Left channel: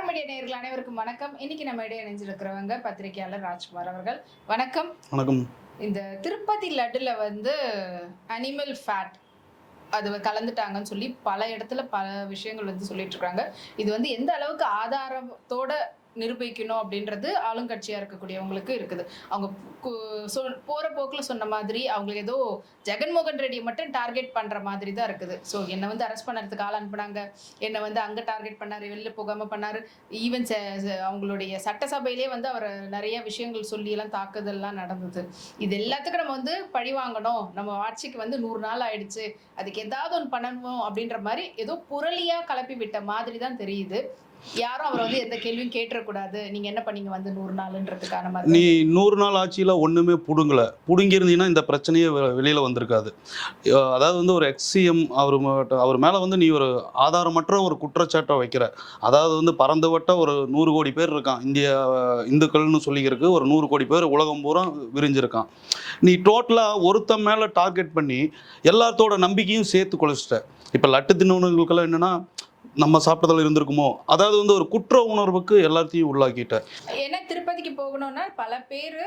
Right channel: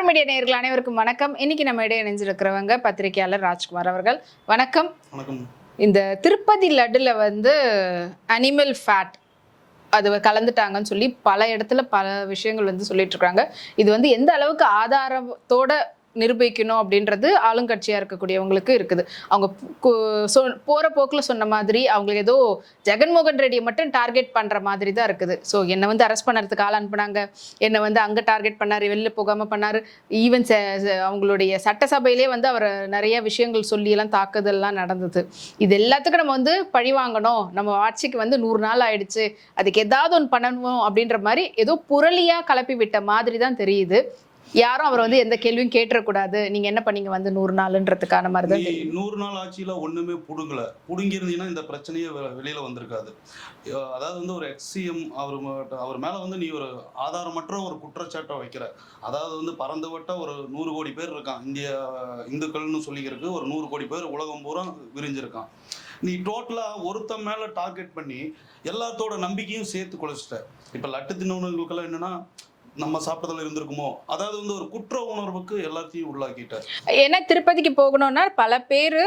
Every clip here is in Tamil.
கவர் மீடியா நேயர்கள் அனைவருக்கும் வணக்கம். இன்னைக்கு நம்ம இடையே இணைஞ்சிருக்கிறவங்க பத்திரிகையாளர் ராஜ்குமார் அவர்கள். வணக்கம். வணக்கம். இந்த திருப்பதி லட்டுல வந்து அனிமல் ஃபேட் அது கலந்துட்டாங்கன்னு சொல்லி பல இடத்துல பல விஷயங்கள் வந்து சொல்லிட்டு இருக்காங்க. இது வந்து எந்த அளவுக்கு ஆதாரத்தோட நிரூபிக்கணும் அப்படின்றது ஆளுங்கட்சியாக இருக்கக்கூடியவங்களுக்கு இருக்குது. அவங்க கு- சொ- போகிற போக்கில் சொன்ன மாதிரி அவங்களுக்கு ஏதோ ஜெகன்மோகன் ரெட்டியை மட்டும் டார்கெட் பண்ணுற மாதிரி தான் இருக்குது. ஸோ என்னை வந்து அரெஸ்ட் பண்ணுறதுக்கு ஆள் அனுப்புனாங்க. என்னை வந்து அங்கே டார்கெட் பண்ணார் வெளில போகாமல் பண்ணார். ஈவன் அவங்களுடைய சட்டசபையிலே வந்து அவர் நிறைய விஷயங்கள் சொல்லியெல்லாம் தாக்குதல்லாம் நடந்தது. இது எல்லாத்துக்கும் நம்ம வந்து பழி வாங்கணும். நம்ம ஆட்சிக்கு வந்து நூறு நாள் ஆயிடுச்சு. அதுக்கு ஏதாவது ஒன்று பண்ணணும் அப்படின்ற மாதிரி ஏதோ புரளியாக கலப்பி விட்ட மாதிரி தான் தெரியுது. யாரும் அவர் வந்து எந்த கேள்வியும் கேட்டுறக்கூடாது. நீங்க என்ன பண்ணீங்க வந்து நூறு நாளுன்றதுக்கான மாதிரி நீ நூறு நாள் ஆட்சியில ஒண்ணுமே புடுங்கல. புடுங்கியிருந்தீங்கன்னா இந்த பிரச்சனையே வெ- வெளியில வந்திருக்காது. அதாவது வந்து ஒரு எக்ஸிஎம் அவர் அவர் மேல வந்து நீ ஒரு ஆதாரமற்ற ஒரு குற்றச்சாட்டை வைக்கிற. அதாவது வந்து பறந்துவட்ட ஒரு நூறு கோடி பேர் இருக்கான். இந்திய இந்துக்கள்னு சொல்லிக்கிறதுக்கு ஒரு நூறு கோடி பேர் உலகம் பூரா விரிஞ்சிருக்கான். நீ டோட்டலா ஒருத்தன் மேல டார்கெட் பண்ணி எல்லாத்தோட நம்பிக்கையும் சேர்த்து குலைச்சிட்ட இப்போ லட்டு தின்னவனுங்களுக்கெல்லாம் என்னன்னா நம்ம சாப்பிட்டதில் இருந்திருக்குமோ? அதாவது வந்து ஒரு குற்ற உணர்வுக்கு எல்லாத்தையும் உள்ளாக்கிட்ட. ஏன்னா திருப்பதிக்கு போகணும்னா பல பேர்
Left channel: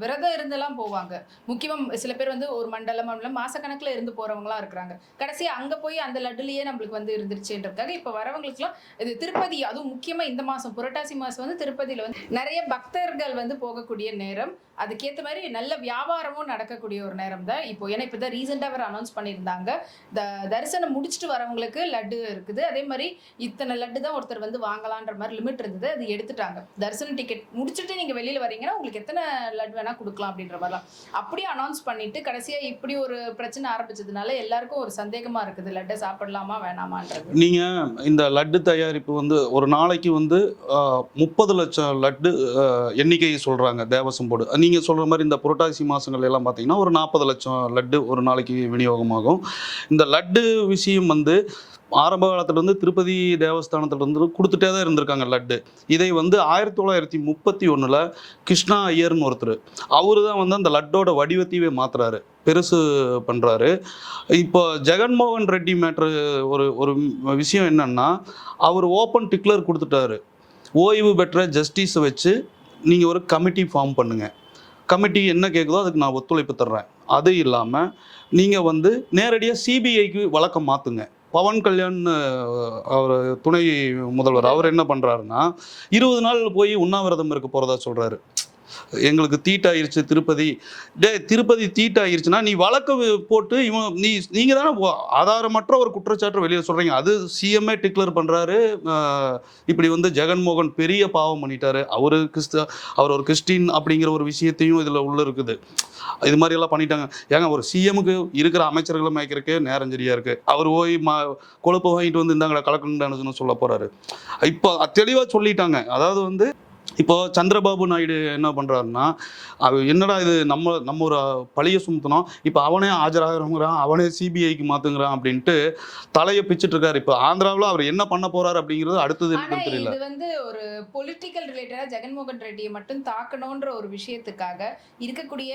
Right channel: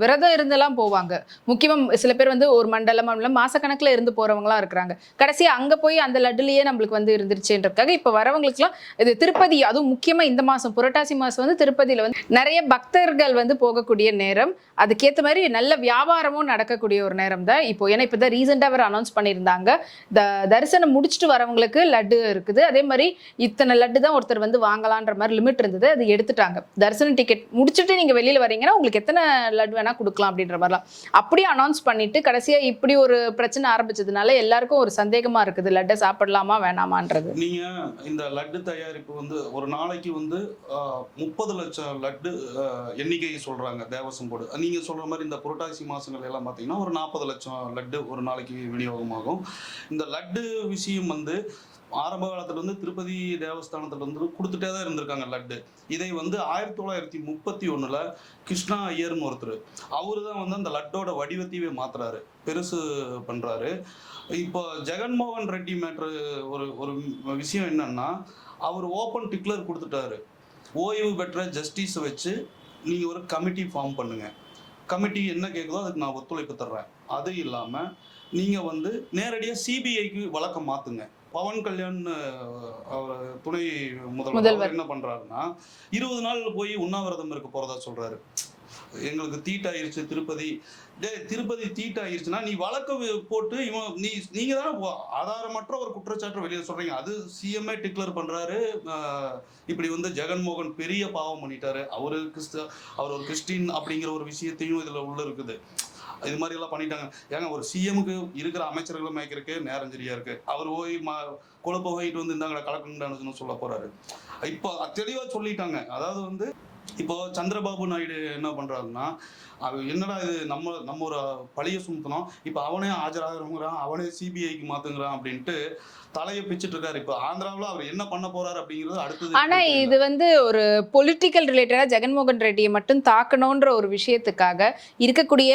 விரதம் இருந்தெல்லாம் போவாங்க. முக்கியமாக சில பேர் வந்து ஒரு மண்டலம் மண்டலம் மாசக்கணக்குல இருந்து போகிறவங்களாம் இருக்கிறாங்க. கடைசியாக அங்கே போய் அந்த லட்டுலேயே நம்மளுக்கு வந்து இருந்துருச்சுன்றதுக்காக இப்போ வரவங்களுக்குலாம் இது திருப்பதி அதுவும் முக்கியமாக இந்த மாதம் புரட்டாசி மாதம் வந்து திருப்பதியில் வந்து நிறைய பக்தர்கள் வந்து போகக்கூடிய நேரம். அதுக்கேற்ற மாதிரி நல்ல வியாபாரமும் நடக்கக்கூடிய ஒரு நேரம் தான். இப்போ ஏன்னா இப்போ தான் ரீசெண்டாக அவர் அனௌன்ஸ் பண்ணியிருந்தாங்க. த தரிசனம் முடிச்சுட்டு வரவங்களுக்கு லட்டு இருக்குது. அதே மாதிரி இத்தனை லட்டு தான் ஒருத்தர் வந்து வாங்கலான்ற மாதிரி லிமிட் இருந்தது. அது எடுத்துட்டாங்க. தரிசன டிக்கெட் முடிச்சுட்டு நீங்கள் வெளியில் வரீங்கன்னா உங்களுக்கு எத்தனை லட்டு வேணால் கொடுக்கலாம் அப்படின்ற மாதிரிலாம். அப்படியே அனௌன்ஸ் பண்ணிட்டு கடைசியாக இப்படி ஒரு பிரச்சனை ஆரம்பிச்சதுனால எல்லாருக்கும் ஒரு சந்தேகமாக இருக்குது. லட்டை சாப்பிடலாமா வேணாமான்றது. நீங்கள் இந்த லட்டு தயாரிப்பு வந்து ஒரு நாளைக்கு வந்து முப்பது லட்சம் லட்டு எண்ணிக்கையை சொல்கிறாங்க தேவசம் போர்டு. நீங்கள் சொல்கிற மாதிரி இந்த புரட்டாசி மாதங்கள் எல்லாம் பார்த்தீங்கன்னா ஒரு நாற்பது லட்சம் லட்டு ஒரு நாளைக்கு விநியோகமாகும். இந்த லட்டு விஷயம் வந்து ஆரம்ப காலத்துலேருந்து திருப்பதி தேவஸ்தானத்துலேருந்து கொடுத்துட்டே தான் இருந்திருக்காங்க லட்டு. இதை வந்து ஆயிரத்தி தொள்ளாயிரத்தி முப்பத்தி ஒன்றில் கிருஷ்ணா ஐயர்னு ஒருத்தர். அவரு தான் வந்து அந்த லட்டோட வடிவத்தையே மாத்துறாரு. பெருசு பண்ணுறாரு இப்போ ஜெகன்மோகன் ரெட்டி மேட்ரு ஒரு ஒரு விஷயம் என்னன்னா அவர் ஓப்பன் டிக்ளர் கொடுத்துட்டாரு. ஓய்வு பெற்ற ஜஸ்டிஸை வச்சு நீங்கள் ஒரு கமிட்டி ஃபார்ம் பண்ணுங்கள் கமிட்டி என்ன கேட்குதோ அதுக்கு நான் ஒத்துழைப்பு தர்றேன். அது இல்லாமல் நீங்கள் வந்து நேரடியாக சிபிஐக்கு வழக்கம் மாற்றுங்க பவன் கல்யாண் அவர் துணை முதல்வர். அவர் என்ன பண்ணுறாருன்னா இருபது நாள் போய் உண்ணாவிரதம் இருக்க போகிறதா சொல்கிறாரு எங்களுக்கு தீட்டாயிருச்சு திருப்பதி. டே திருப்பதி தீட்டாயிருச்சுன்னா நீ வழக்கு போட்டு இவன் நீ நீங்க தானே ஆதாரமற்ற ஒரு குற்றச்சாட்டு வெளியே சொல்றீங்க. அது சிஎம்ஏ டிக்ளேர் பண்றாரு. இப்படி வந்து ஜெகன்மோகன் பெரிய பாவம் பண்ணிட்டாரு. அவரு கிறிஸ்த அவர் ஒரு கிறிஸ்டின் அப்படிங்கிற ஒரு விஷயத்தையும் இதுல உள்ள இருக்குது. இது மாதிரி எல்லாம் பண்ணிட்டாங்க. ஏங்க ஒரு சிஎம்க்கு இருக்கிற அமைச்சர்களை மேய்க்கிறதுக்கே நேரம் சரியா இருக்கு. அவர் போய் மா கொழுப்பு வாங்கிட்டு வந்து இந்தாங்க கலக்கணும்னு சொல்ல போறாரு. இப்போ தெளிவாக சொல்லிட்டாங்க. அதாவது வந்து இப்போ சந்திரபாபு நாயுடு என்ன பண்றாருன்னா அவர் என்னடா இது நம்ம நம்ம ஒரு பழிய சுமத்தணும். இப்போ அவனே ஆஜராகிறவங்கிறான் அவனே சிபிஐக்கு மாத்துங்கிறான் அப்படின்ட்டு தலையை பிச்சுட்டு இருக்காரு. இப்போ ஆந்திராவில் அவர் என்ன பண்ண போறாரு அப்படிங்கிறது அடுத்தது ஆனா எனக்கு தெரியல. இது வந்து ஒரு பொலிட்டிக்கல் ரிலேட்டடா ஜெகன்மோகன் ரெட்டியை மட்டும் தாக்கணுன்ற ஒரு விஷயத்துக்காக இருக்கக்கூடிய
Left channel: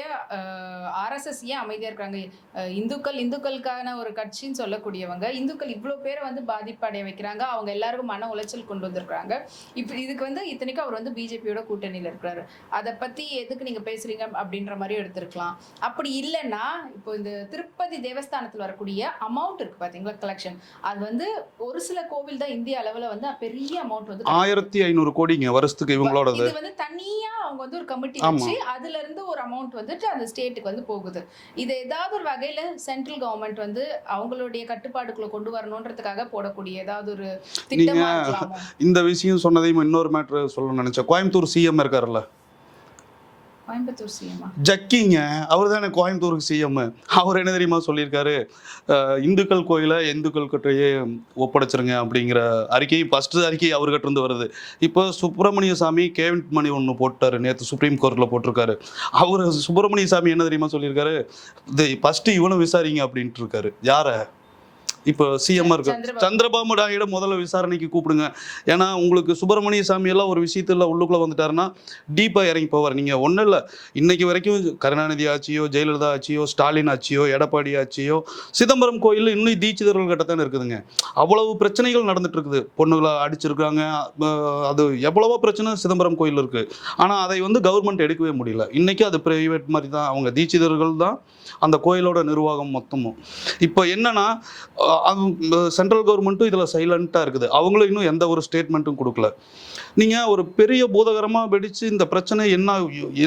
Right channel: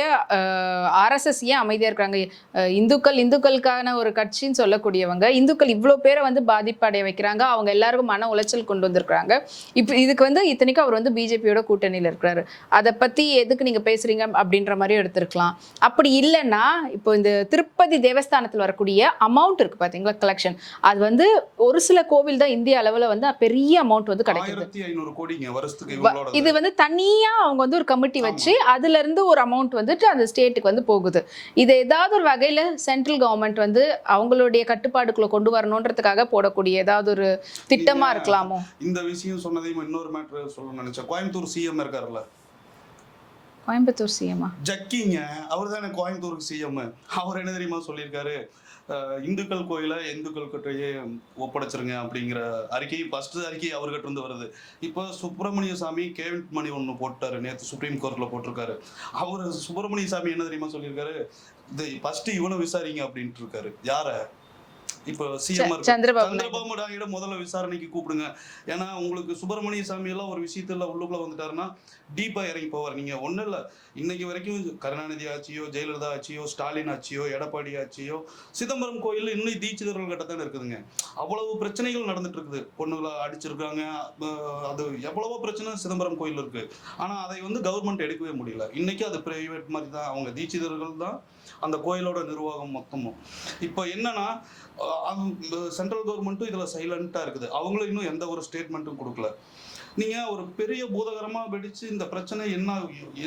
ஆர்எஸ்எஸ் ஏன் அமைதியா இருக்காங்க? அஹ், இந்துக்கள் இந்துக்களுக்கான ஒரு கட்சின்னு சொல்லக்கூடியவங்க இந்துக்கள் இவ்வளோ பேரை வந்து பாதிப்படைய வைக்கிறாங்க. அவங்க எல்லாருக்கும் மன உளைச்சல் கொண்டு வந்திருக்காங்க இப்போ இதுக்கு வந்து இத்தனைக்கும் அவர் வந்து பிஜேபியோட கூட்டணியில் இருக்கிறாரு. அதை பத்தி எதுக்கு நீங்க பேசுறீங்க அப்படின்ற மாதிரி எடுத்திருக்கலாம். அப்படி இல்லைன்னா இப்போ இந்த திருப்பதி தேவஸ்தானத்தில் வரக்கூடிய அமௌண்ட் இருக்கு பாத்தீங்களா கலெக்ஷன் அது வந்து ஒரு சில கோவில் தான் இந்திய அளவுல வந்து பெரிய அமௌண்ட் வந்து ஆயிரத்தி ஐநூறு கோடிங்க வருஷத்துக்கு இவங்களோட இது வந்து தனியா அவங்க வந்து ஒரு கமிட்டி. வச்சு அதுல இருந்து ஒரு அமௌண்ட் வந்துட்டு அந்த ஸ்டேட்டுக்கு வந்து போகுது. இது ஏதாவது ஒரு வகையில சென்ட்ரல் கவர்மெண்ட் வந்து அவங்களுடைய கட்டுப்பாடுக்குள்ள கொண்டு வரணுன்றதுக்காக போடக்கூடிய ஏதாவது ஒரு திட்டமா நீங்க- இருக்கலாமோ? இந்த விஷயம் சொன்னதையும் இன்னொரு மேட்ரு சொல்ல நினைச்சேன். கோயம்புத்தூர் சிஎம் இருக்காருல்ல. கோயம்புத்தூர் சிஎம்மா ஜக்கிங்க அவர் தானே கோயம்புத்தூருக்கு சிஎம் அவர் என்ன தெரியுமா சொல்லியிருக்காரு? இந்துக்கள் கோயிலை இந்துக்கள் கிட்டயே ஒப்படைச்சிருங்க அப்படிங்கிற அறிக்கை ஃபர்ஸ்ட் அறிக்கை அவர்கிட்ட இருந்து வருது. இப்போ சுப்பிரமணிய சாமி கேவிட் மணி ஒன்று போட்டாரு நேற்று சுப்ரீம் கோர்ட்டில் போட்டிருக்காரு. அவர் சுப்பிரமணிய சாமி என்ன தெரியுமா சொல்லியிருக்காரு? ஃபர்ஸ்ட் இவனை விசாரிங்க அப்படின்ட்டு இருக்காரு. யாரை? இப்போ சிஎம் சந்திரபாபு நாயுடு. முதல்ல விசாரணைக்கு கூப்பிடுங்க. ஏன்னா உங்களுக்கு சுப்பிரமணிய சாமி எல்லாம் ஒரு விஷயத்துல உள்ளுக்குள்ள வந்துட்டாருன்னா டீப்பா இறங்கி போவார். நீங்க ஒண்ணும் இல்ல. இன்னைக்கு வரைக்கும் கருணாநிதி ஆட்சியோ ஜெயலலிதா ஆட்சியோ ஸ்டாலின் ஆட்சியோ எடப்பாடி ஆட்சியோ சிதம்பரம் கோயில் இன்னும் தீட்சிதர்கள் கிட்ட தானே இருக்குதுங்க. அவ்வளவு பிரச்சனைகள் நடந்துட்டு இருக்குது. பொண்ணுகளை அடிச்சிருக்காங்க. அது எவ்வளவோ பிரச்சனை சிதம்பரம் கோயில் இருக்கு. ஆனா அதை வந்து கவர்மெண்ட் எடுக்கவே முடியல. இன்னைக்கு அது பிரைவேட் மாதிரி தான். அவங்க தீட்சிதர்கள் தான். அந்த கோயிலோட நிர்வாகம் மொத்தமும். இப்போ என்னன்னா சென்ட்ரல் கவர்மெண்ட்டும் இதில் சைலண்ட்டாக இருக்குது. அவங்களும் இன்னும் எந்த ஒரு ஸ்டேட்மெண்ட்டும் கொடுக்கல. நீங்கள் ஒரு பெரிய பூதகரமாக வெடித்து இந்த பிரச்சனை என்ன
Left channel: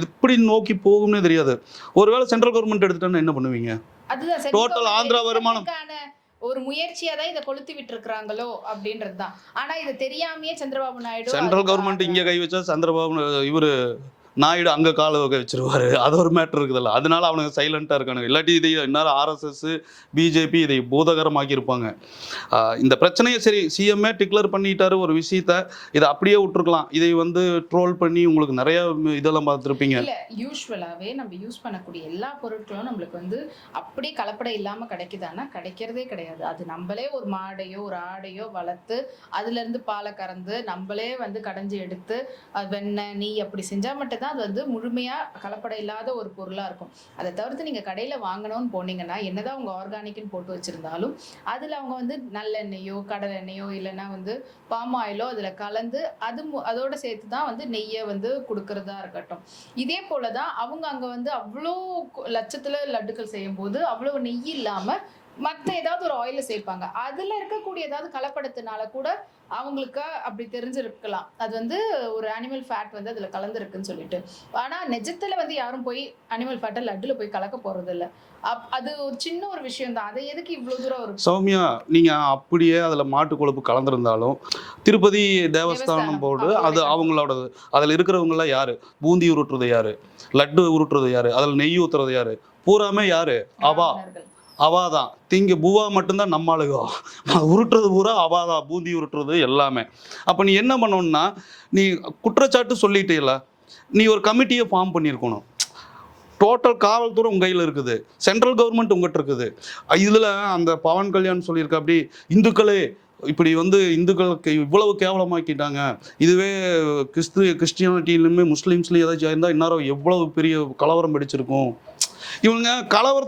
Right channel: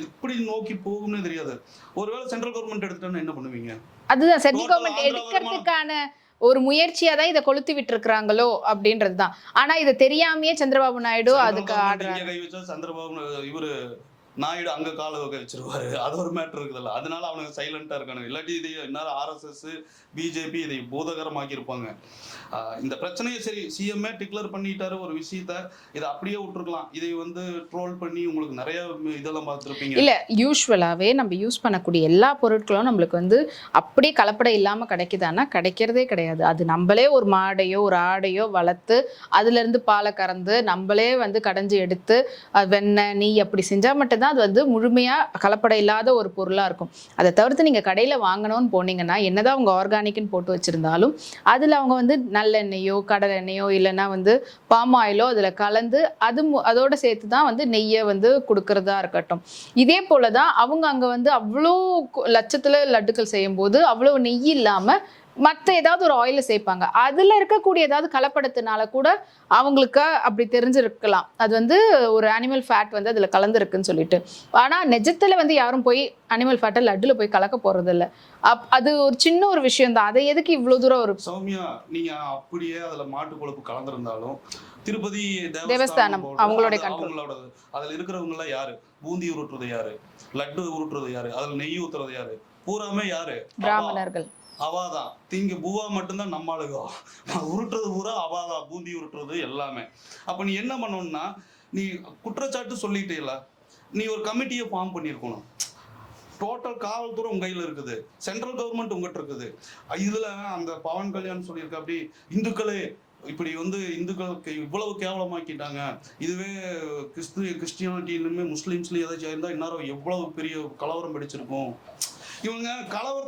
எப்படி நோக்கி போகும்னே தெரியாது. ஒருவேளை சென்ட்ரல் கவர்மெண்ட் எடுத்துட்டோன்னா என்ன பண்ணுவீங்க? அதுதான் Total ஆந்திரா வருமானம். ஒரு முயற்சியா தான் இதை கொளுத்தி விட்டுருக்காங்களோ அப்படின்றது தான் ஆனா இது தெரியாமயே சந்திரபாபு நாயுடு சென்ட்ரல் கவர்மெண்ட் இங்கே கை வச்சா சந்திரபாபு இவர் நாயுடு அங்கே கால வகை வச்சிருவாரு. அது ஒரு மேட்ரு இருக்குதுல்ல. அதனால அவனுக்கு சைலண்ட்டாக இருக்கானுங்க. இல்லாட்டி இதை இன்னொரு ஆர்எஸ்எஸ் பிஜேபி இதை பூதகரமாக்கி இருப்பாங்க. ஆஹ் இந்த பிரச்சனையை சரி சிஎம்ஏ டிக்ளேர் பண்ணிட்டாரு ஒரு விஷயத்த. இதை அப்படியே விட்டுருக்கலாம். இதை வந்து ட்ரோல் பண்ணி உங்களுக்கு நிறைய இதெல்லாம் பார்த்துருப்பீங்க. இல்ல யூஸ்வலாகவே நம்ம யூஸ் பண்ணக்கூடிய எல்லா பொருட்களும் நம்மளுக்கு வந்து அப்படியே கலப்படை இல்லாம கிடைக்குதானா கிடைக்கிறதே கிடையாது. அது நம்மளே ஒரு மாடையோ ஒரு ஆடையோ வளர்த்து அதுல இருந்து பாலை கறந்து நம்மளே வந்து கடைஞ்சி எடுத்து வெண்ணெய் நெய் அப்படி செஞ்சா மட்டும்தான் அது வந்து முழுமையாக கலப்படம் இல்லாத ஒரு பொருளாக இருக்கும். அதை தவிர்த்து நீங்கள் கடையில் வாங்கணும்னு போனீங்கன்னா என்னதான் அவங்க ஆர்கானிக்னு போட்டு வச்சுருந்தாலும் அதில் அவங்க வந்து நல்லெண்ணெயோ கடல் எண்ணெயோ இல்லைன்னா வந்து பாம் ஆயிலோ அதில் கலந்து அது மு- சேர்த்து தான் வந்து நெய்யை வந்து கொடுக்கறதா இருக்கட்டும். இதே போல தான் அவங்க அங்கே வந்து அவ்வளோ லட்சத்தில் லட்டுக்கள் செய்யும்போது அவ்வளோ நெய் இல்லாமல் மற்ற ஏதாவது ஒரு ஆயில சேர்ப்பாங்க. அதுல இருக்கக்கூடிய ஏதாவது கலப்படத்தினால கூட அவங்களுக்கு அப்படி தெரிஞ்சிருக்கலாம். அது வந்து ஒரு அனிமல் ஃபேட் வந்து அதுல கலந்துருக்குன்னு சொல்லிட்டு. ஆனா நிஜத்துல வந்து யாரும் போய் அனிமல் ஃபேட்டை லட்டுல போய் கலக்க போறது இல்ல அது ஒரு சின்ன ஒரு விஷயம் தான் அதை எதுக்கு இவ்வளவு தூரம் ஒரு சௌமியா நீங்க அப்படியே அதுல மாட்டு கொழுப்பு கலந்திருந்தாலும் திருப்பதி தேவஸ்தானம் போர்டு அது. அவங்களோடது. அதுல இருக்கிறவங்க எல்லாம் யாரு? பூந்தி உருட்டுறது யாரு? லட்டு உருட்டுறது யாரு? அதுல நெய் ஊத்துறது யாரு? பூராமே யாரு? அவா. பிராமணர்கள் அவாதான். திங்க பூவா மட்டும்தான் நம்ம ஆளுகோ. உருட்டுறது பூரா அவாதா பூந்தி உருட்டுறது எல்லாமே. அப்போ நீ என்ன பண்ணணும்னா நீ குற்றச்சாட்டு சொல்லிட்டேல நீ ஒரு கமிட்டியை ஃபார்ம் பண்ணியிருக்கணும். டோட்டல் காவல்துறை உங்கள் கையில் இருக்குது. சென்ட்ரல் கவர்மெண்ட் உங்ககிட்ட இருக்குது. இதில் அந்த பவன் கல்யாண் சொல்லியிருக்க அப்படி இந்துக்களே இப்படி வந்து இந்துக்களுக்கு இவ்வளவு கேவலமாக்கிட்டாங்க. இதுவே கிறிஸ்து கிறிஸ்டியானிட்டிலுமே முஸ்லீம்ஸ்லையும் ஏதாச்சும் இருந்தால் இந்நேரம் எவ்வளவு பெரிய கலவரம் பிடிச்சிருக்கும் இவங்க கலவர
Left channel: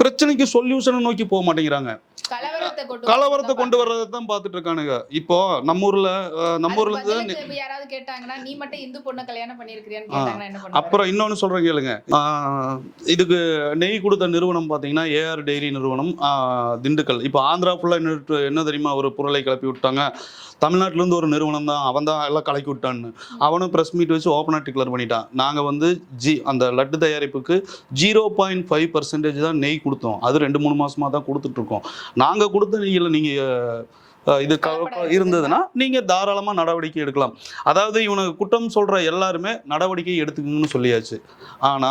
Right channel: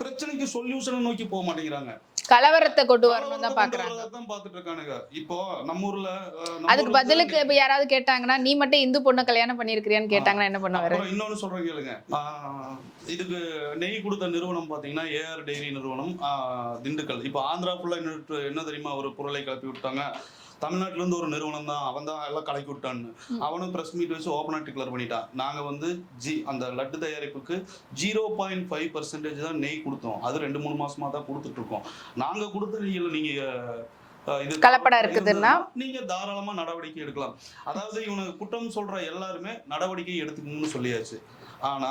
பிரச்சனைக்கு சொல்யூஷனை நோக்கி போக மாட்டேங்கிறாங்க. கலவரத்தை கொண்டு கலவரத்தை கொண்டு. வர்றதை தான் பார்த்துட்டு இருக்கானுங்க இப்போ நம்ம ஊர்ல நம்ம ஊர்ல பதிலுக்கு யாராவது கேட்டாங்கன்னா நீ மட்டும் இந்து பொண்ணை கல்யாணம் பண்ணிருக்கிறியான்னு கேட்டாங்கன்னா என்ன பண்ணுவாரு? அப்புறம் இன்னொன்னு சொல்றேன் கேளுங்க. இதுக்கு நெய் கொடுத்த நிறுவனம் பார்த்தீங்கன்னா ஏஆர் டெய்ரி நிறுவனம். திண்டுக்கல். இப்போ ஆந்திரா ஃபுல்லாக என்ன என்ன தெரியுமா ஒரு பொருளை கிளப்பி விட்டாங்க. தமிழ்நாட்டுல இருந்து ஒரு நிறுவனம் தான். அவன் தான் எல்லாம் கலக்கி விட்டான்னு. அவனும் ப்ரெஸ் மீட் வச்சு ஓப்பனாக டிக்ளேர் பண்ணிட்டான். நாங்கள் வந்து ஜி அந்த லட்டு தயாரிப்புக்கு ஜீரோ பாயிண்ட் ஃபைவ் பர்சன்டேஜ் தான் நெய் கொடுத்தோம். அது ரெண்டு மூணு மாசமா தான் கொடுத்துட்டு இருக்கோம். நாங்கள் கொடுத்த நெய்யில் நீங்கள் இது? இருந்ததுன்னா நீங்க தாராளமா நடவடிக்கை எடுக்கலாம். அதாவது இவனுக்கு குற்றம் சொல்ற எல்லாருமே நடவடிக்கை எடுத்துக்கணும்னு சொல்லியாச்சு. ஆனா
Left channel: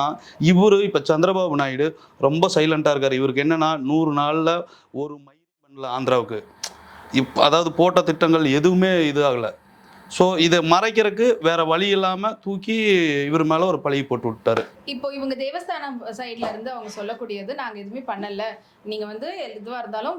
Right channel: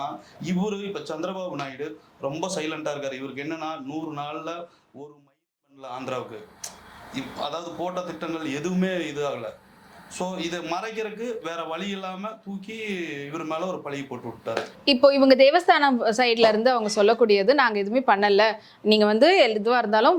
இவரு இப்ப சந்திரபாபு நாயுடு ரொம்ப சைலண்டா இருக்காரு. இவருக்கு என்னன்னா நூறு நாள்ல ஒரு மயில் பண்ணல ஆந்திராவுக்கு. இப் அதாவது போட்ட திட்டங்கள் எதுவுமே இது ஆகலை ஸோ இதை மறைக்கிறதுக்கு வேற வழி இல்லாம தூக்கி இவர் மேல ஒரு பழியை போட்டு விட்டாரு. இப்போ இவங்க தேவஸ்தானம் சைட்ல இருந்து அவங்க சொல்லக்கூடியது நாங்க எதுவுமே பண்ணல. நீங்க வந்து எதுவா இருந்தாலும்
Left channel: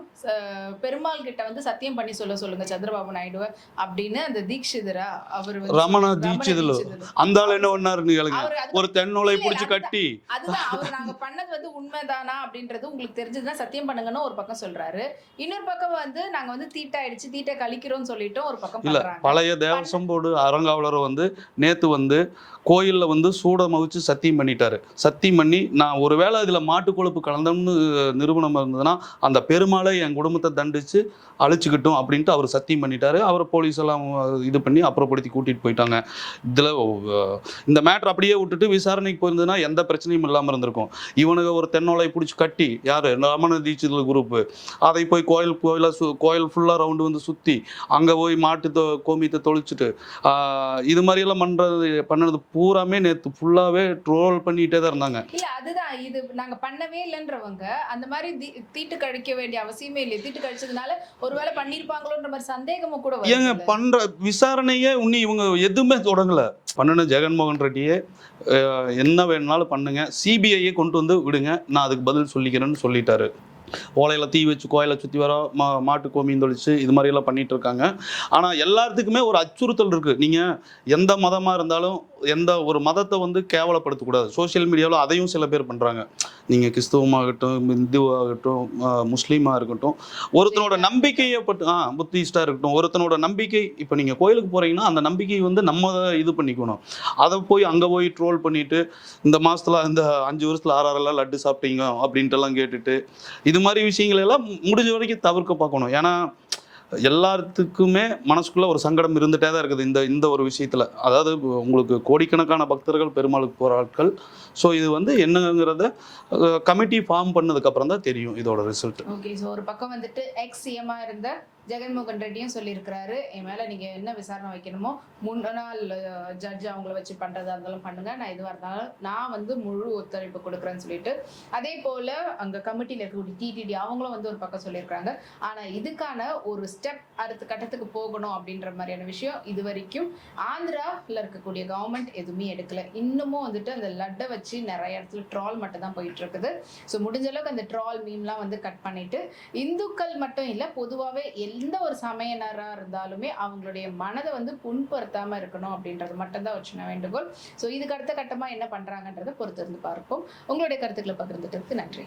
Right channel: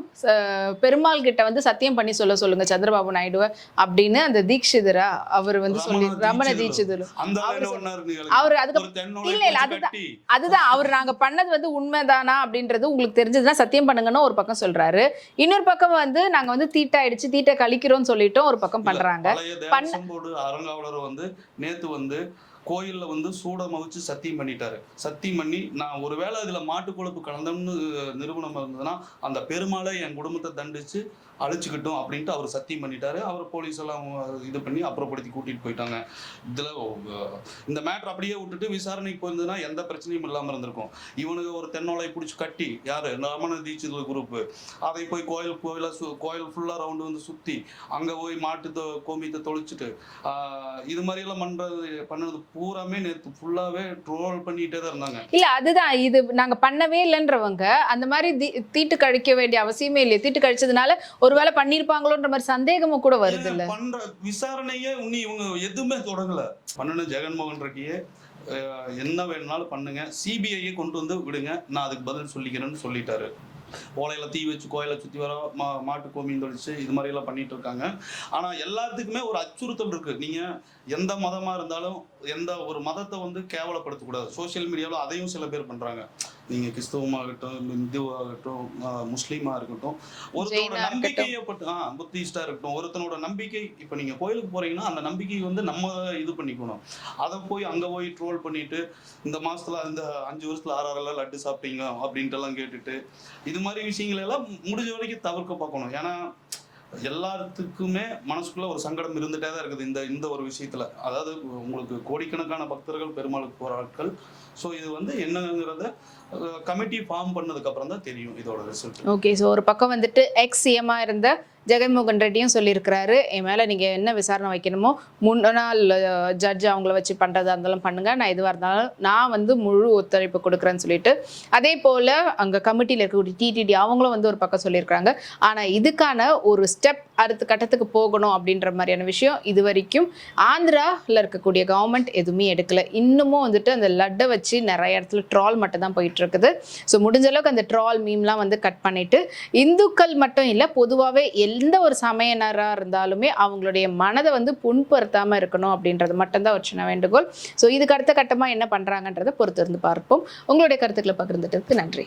பெருமாள் கிட்ட வந்து சத்தியம் பண்ணி சொல்ல சொல்லுங்க சந்திரபாபு நாயுடுவ அப்படின்னு அந்த தீக்ஷிதரா அவர் வந்து ரமண தீட்சிதர். அந்த ஆள் என்ன கேளுங்க. அவர் ஒரு தென்னோலை பிடிச்சி. கட்டி. அதுதான் அவர் நாங்க பண்ணது வந்து உண்மைதானா அப்படின்றது உங்களுக்கு தெரிஞ்சதுன்னா சத்தியம் பண்ணுங்கன்னு ஒரு பக்கம் சொல்றாரு. இன்னொரு பக்கம் வந்து நாங்க வந்து தீட்டாயிடுச்சு தீட்டை கழிக்கிறோம்னு சொல்லிட்டும் ஒரு பக்கம் பண்றாங்க. பழைய தேவசம் வந்து நேத்து வந்து கோயிலில் வந்து சூட மகிழ்ச்சி சத்தியம் பண்ணிட்டாரு. சத்தியம் பண்ணி நான் ஒருவேளை இதில் மாட்டு கொழுப்பு கலந்தோம்னு நிறுவனம் இருந்ததுன்னா அந்த பெருமாளை என் குடும்பத்தை தண்டிச்சு அழிச்சுக்கிட்டோம் அப்படின்ட்டு அவர் சத்தியம் பண்ணிட்டாரு. அவர் போலீஸ் எல்லாம் இது பண்ணி அப்புறப்படுத்தி கூட்டிகிட்டு போயிட்டாங்க. இதில் இந்த மேட்ரு அப்படியே விட்டுட்டு விசாரணைக்கு போயிருந்ததுன்னா எந்த பிரச்சனையும் இல்லாமல் இருந்திருக்கும். இவனுங்க ஒரு தென்னோலை பிடிச்சி கட்டி யார்? ரமண தீட்சிதல் குரூப்பு அதை போய் கோயில் கோயில சு கோயில் ஃபுல்லாக ரவுண்டு வந்து சுற்றி அங்கே போய் மாட்டு தொ கோமியத்தை தொழிச்சிட்டு இது மாதிரி எல்லாம் பண்ணது பூராமே நேத்து ஃபுல்லாவே ட்ரோல் பண்ணிட்டே தான் இருந்தாங்க. இல்ல அதுதான். இது நாங்க பண்ணவே இல்லைன்றவங்க அந்த மாதிரி தீட்டு கழிக்க வேண்டிய அவசியமே இல்லையே. தீட்டு கழிச்சதுனால ஒருவேளை பண்ணிருப்பாங்களோன்ற மாதிரி சந்தேகமும் கூட ஏங்க? பண்ற விசாரணையே உன்னி இவங்க எதுவுமே தொடங்கல. பண்ணுன ஜெகன்மோகன் ரெட்டியே என்ன வேணும்னாலும் பண்ணுங்க. சிபிஐயை கொண்டு வந்து விடுங்க. நான் அதுக்கு பதில் சொல்லிக்கிறேன்னு சொல்லிட்டாரு. ஓலையில் தீ வச்சு கோயிலை சுற்றி வர மா மாட்டு கோமியம் தொழிச்சு இது மாதிரி எல்லாம் பண்ணிட்டு இருக்காங்க. ஆனால் எல்லாத்துக்குமே ஒரு அச்சுறுத்தல் இருக்குது நீங்கள் எந்த மதமாக இருந்தாலும் எந்த ஒரு மதத்தை வந்து கேவலப்படுத்தக்கூடாது. சோஷியல் மீடியாவில் அதையும் சில பேர் பண்ணுறாங்க நீங்கள் கிறிஸ்தவமாகட்டும் இந்துவாகட்டும் முஸ்லீமாக இருக்கட்டும் ஒருத்தனோட நம்பிக்கையை பட்டு ஆ புத்திஸ்டாக இருக்கட்டும் ஒருத்தனோட நம்பிக்கை இப்போ நீங்கள் கோயிலுக்கு போகிறீங்கன்னா அந்த நம்பிக்கை வந்து நம்ம இது பண்ணிக்கணும். அதை போய் அங்கே போய் ட்ரோல் பண்ணிட்டு இந்த மாசத்துல இந்த அஞ்சு வருஷத்துல ஆறாறெல்லாம் லட்டு சாப்பிட்டீங்க அப்படின்ட்டு எல்லாம் கேட்டுட்டு இது மாதிரி விஷயங்கள் எல்லாம் முடிஞ்ச வரைக்கும் தவிர்க்க பார்க்கணும். ஏன்னா எல்லாத்துக்குமே மனசுக்குள்ள ஒரு சங்கடம் இருந்துட்டே தான் இருக்குது இந்த இந்த ஒரு விஷயத்துல. அதாவது உங்களுக்கு கோடிக்கணக்கான பக்தர்கள் பெருமாளுக்கு போற ஆட்கள். ஸோ இது வந்து என்னங்கிறத கமிட்டி ஃபார்ம் பண்ணதுக்கு அப்புறம் தான் தெரியும் இதோட ரிசல்ட் ஓகே ஸோ ஒரு பக்கம் வந்துட்டு எக்ஸ் சிஎம்மாக இருந்த ஜெகன்மோகன் ரெட்டியும் சொல்லியிருக்கிறாரு என் மேலே நீங்கள் என்ன விசாரணை வைக்கணுமோ முன்னாள் ஜட்ஜ் அவங்கள வச்சு பண்ணுறதா இருந்தாலும் பண்ணுங்க. நான் எதுவாக இருந்தாலும் நான் வந்து முழு ஒத்துழைப்பு கொடுக்குறேன்னு சொல்லிட்டு. அதே போல் அங்கே கமிட்டியில் இருக்கக்கூடிய டிடிடி அவங்களும் வந்து ஒரு பக்கம் சொல்லியிருக்கிறாங்க. ஆனால் இதுக்கான ஒரு ஸ்டெப் அடுத்த கட்டத்துக்கு போகணும் அப்படின்ற மாதிரியான விஷயம் இது வரைக்கும் ஆந்திராவில் இருக்கக்கூடிய கவர்மெண்ட் எதுவுமே எடுக்கல. இன்னமும் வந்துட்டு அந்த லட்டை வச்சு நிறைய இடத்துல ட்ரால் மட்டும் தான் போயிட்டு இருக்குது ஸோ முடிஞ்ச அளவுக்கு அந்த ட்ரால் மீம்லாம் வந்து கட் பண்ணிட்டு இந்துக்கள் மட்டும் இல்லை பொதுவாகவே எந்த ஒரு சமையனராக இருந்தாலுமே அவங்களுடைய மனதை வந்து புண்படுத்தாமல் இருக்கணும் அப்படின்றது மட்டும்தான் ஒரு சின்ன வேண்டுகோள். ஸோ இதுக்கு அடுத்த கட்டமாக என்ன பண்ணுறாங்கன்றதை பொறுத்து இருந்து பார்ப்போம். உங்களுடைய கருத்துக்களை பகிர்ந்துட்டதுக்கு நன்றி.